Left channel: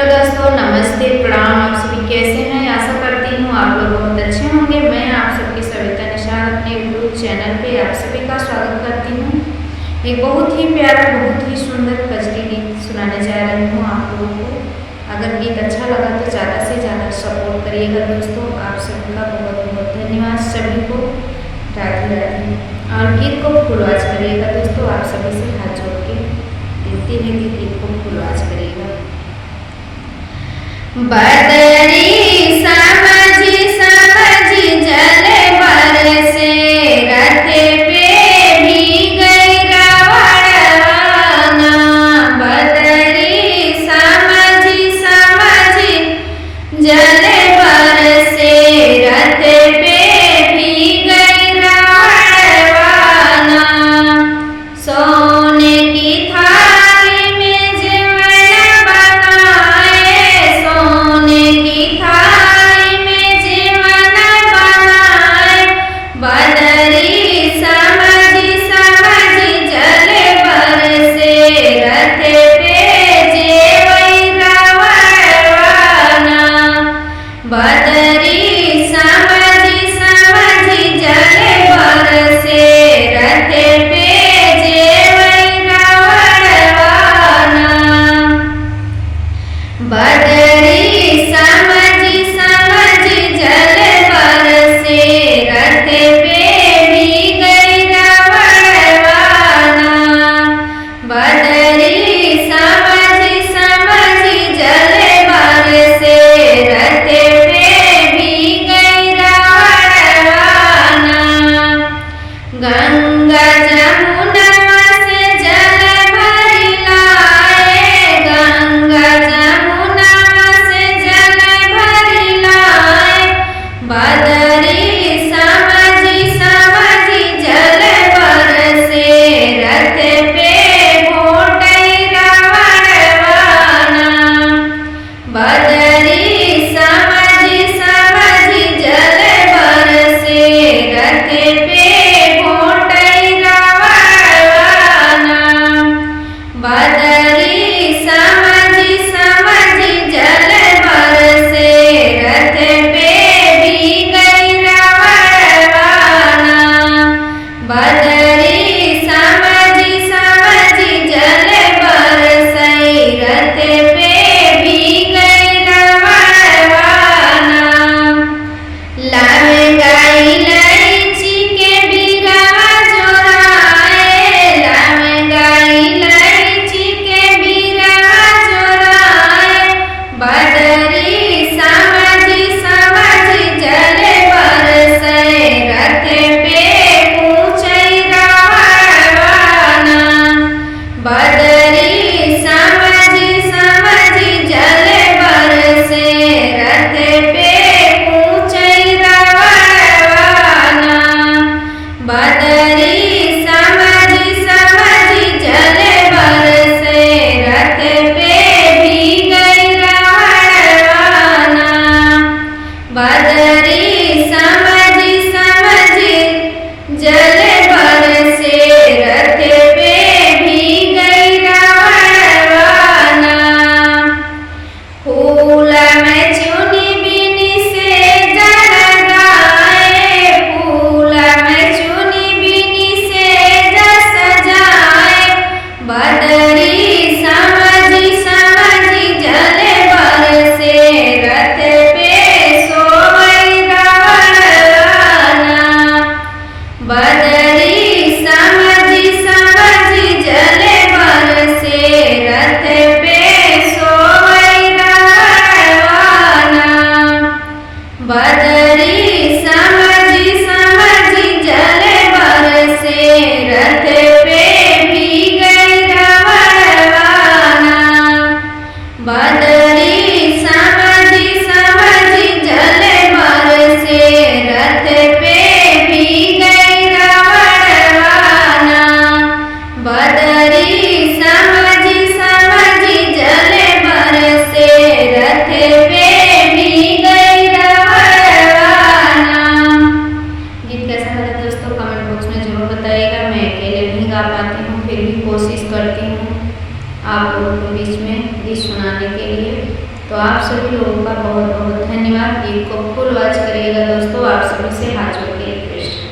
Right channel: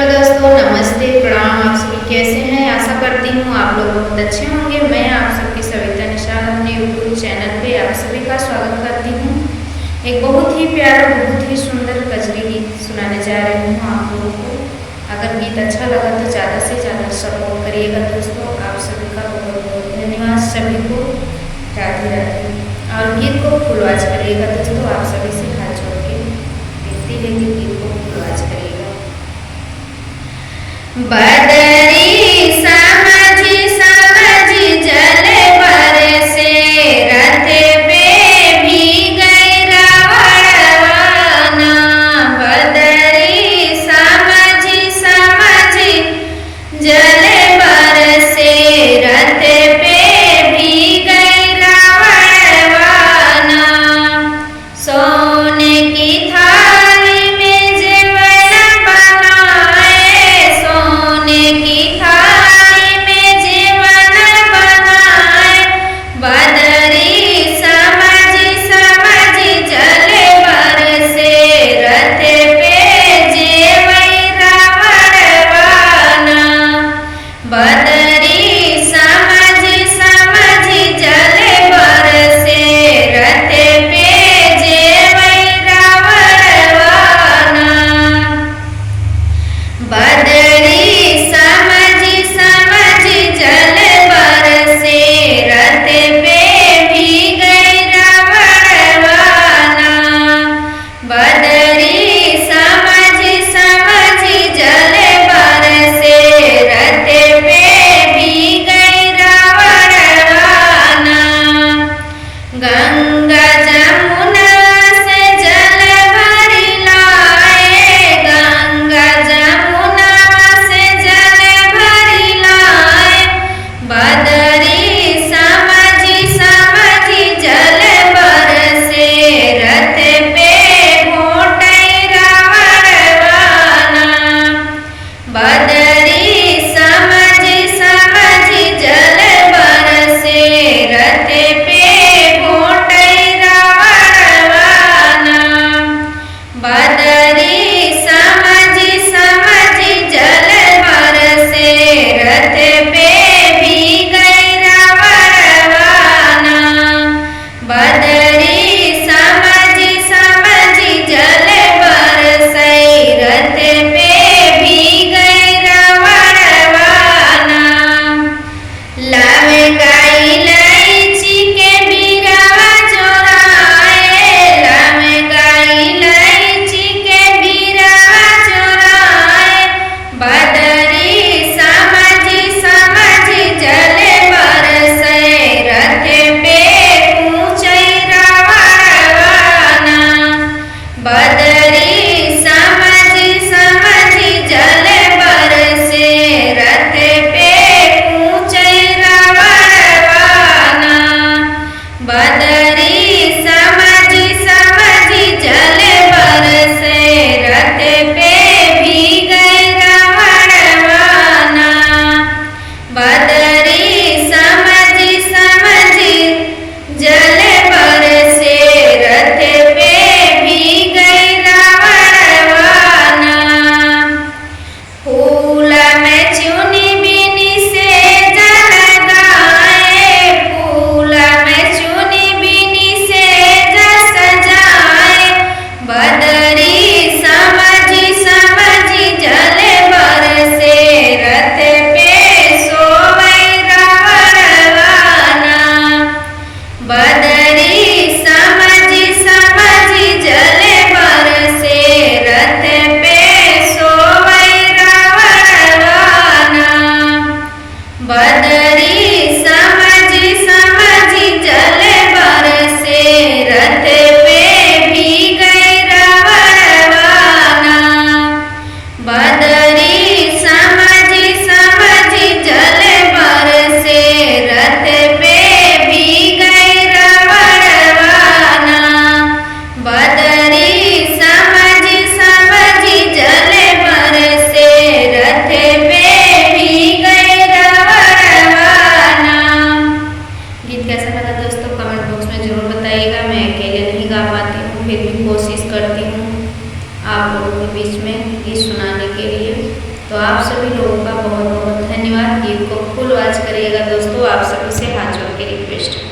Hello दोस्तों, नमस्ते, प्रणाम। आप सभी कैसे हैं? आशा करती हूँ आप लोग बहुत अच्छे होंगे। मैं आप सबकी सविता निषाद अपने यूट्यूब चैनल पे आप सभी का स्वागत करती हूँ। एक बहुत ही प्यारा, बहुत ही सुंदर कजरी गीत सुनाने जा रही हूँ आप लोगों को। अगर गीत अच्छा लगा तो ज़्यादा से ज़्यादा सपोर्ट करिएगा दोस्तों। आप सभी का बहुत बहुत धन्यवाद। सभी को राधे राधे। और गीत को फुलवाच करिएगा दोस्तों। आप सभी से हाथ जोड़ के देखते हुए गीत को फुलवाच करिएगा। बदरी समझी समझी जल बरसे, रथ पे भी गई रावणवाना। बदरी समझी समझी जल बरसे, रथ पे भी गई रावणवाना। सोने की थाली में जेवर बनाए, सोने की थाली में जीवन बनाए। बदरी समझी समझी जल बरसे, रथ पे जेवई रावणवाना। बदरी समझी समझी जल बरसे, रथ पे जेवई रावणवाना। बदरी समझी समझी जल बरसे, रथ पे भी गई रावणवाना। बदरी समझी समझी जल बरसे, रथ पे भी गई रावणवाना। गंगा जमुना से जल भरी लाए, गंगा जमुना से जल भरी लाए। बदरी समझी समझी जल बरसे, रथ पे घोटई रावणवाना। बदरी समझी समझी जल बरसे, रथ पे घोटई रावणवाना। बदरी समझी समझी जल बरसे, रथ पे भी गई रावणवाना। बदरी समझी समझी जल बरसे, रथ पे भी गई रावणवाना। लहंगाई इलायची के बीरा चोराए, लहंगाई इलायची के बीरा चोराए। बदरी समझी समझी जल बरसे, रथ पे कूचई रावणवाना। बदरी समझी समझी जल बरसे, रथ पे कूचई रावणवाना। बदरी समझी समझी जल बरसे, रथ पे भी गई रावणवाना। बदरी समझी समझी जल बरसे, रथ पे भी गई रावणवाना। फूल में चुनी बिनी से जल गाए, फूल में चुनी बिनी से जस जाए। बदरी समझी समझी जल बरसे, रथ पे सोवई रावणवाना। बदरी समझी समझी जल बरसे, रथ पे सोवई रावणवाना। बदरी समझी समझी जल बरसे, रथ पे भी गई रावणवाना। बदरी समझी समझी जल बरसे, रथ पे भी गई रावणवाना। बदरी समझी समझी जल बरसे, रथ पे भी गई रावणवाना। गीत कैसा लगा दोस्तों? कमेंट बॉक्स में जरूर बताइएगा। मैं अकेले नहीं गा पाती हूँ, फिर भी कोशिश करती हूँ आप लोगों के बीच में गीत सुनाने के लिए। तो आप सभी लोगों का बहुत बहुत धन्यवाद। गीत को फुल वॉच करिएगा दोस्तों, आप सभी से हाथ जोड़ के रिक्वेस्ट।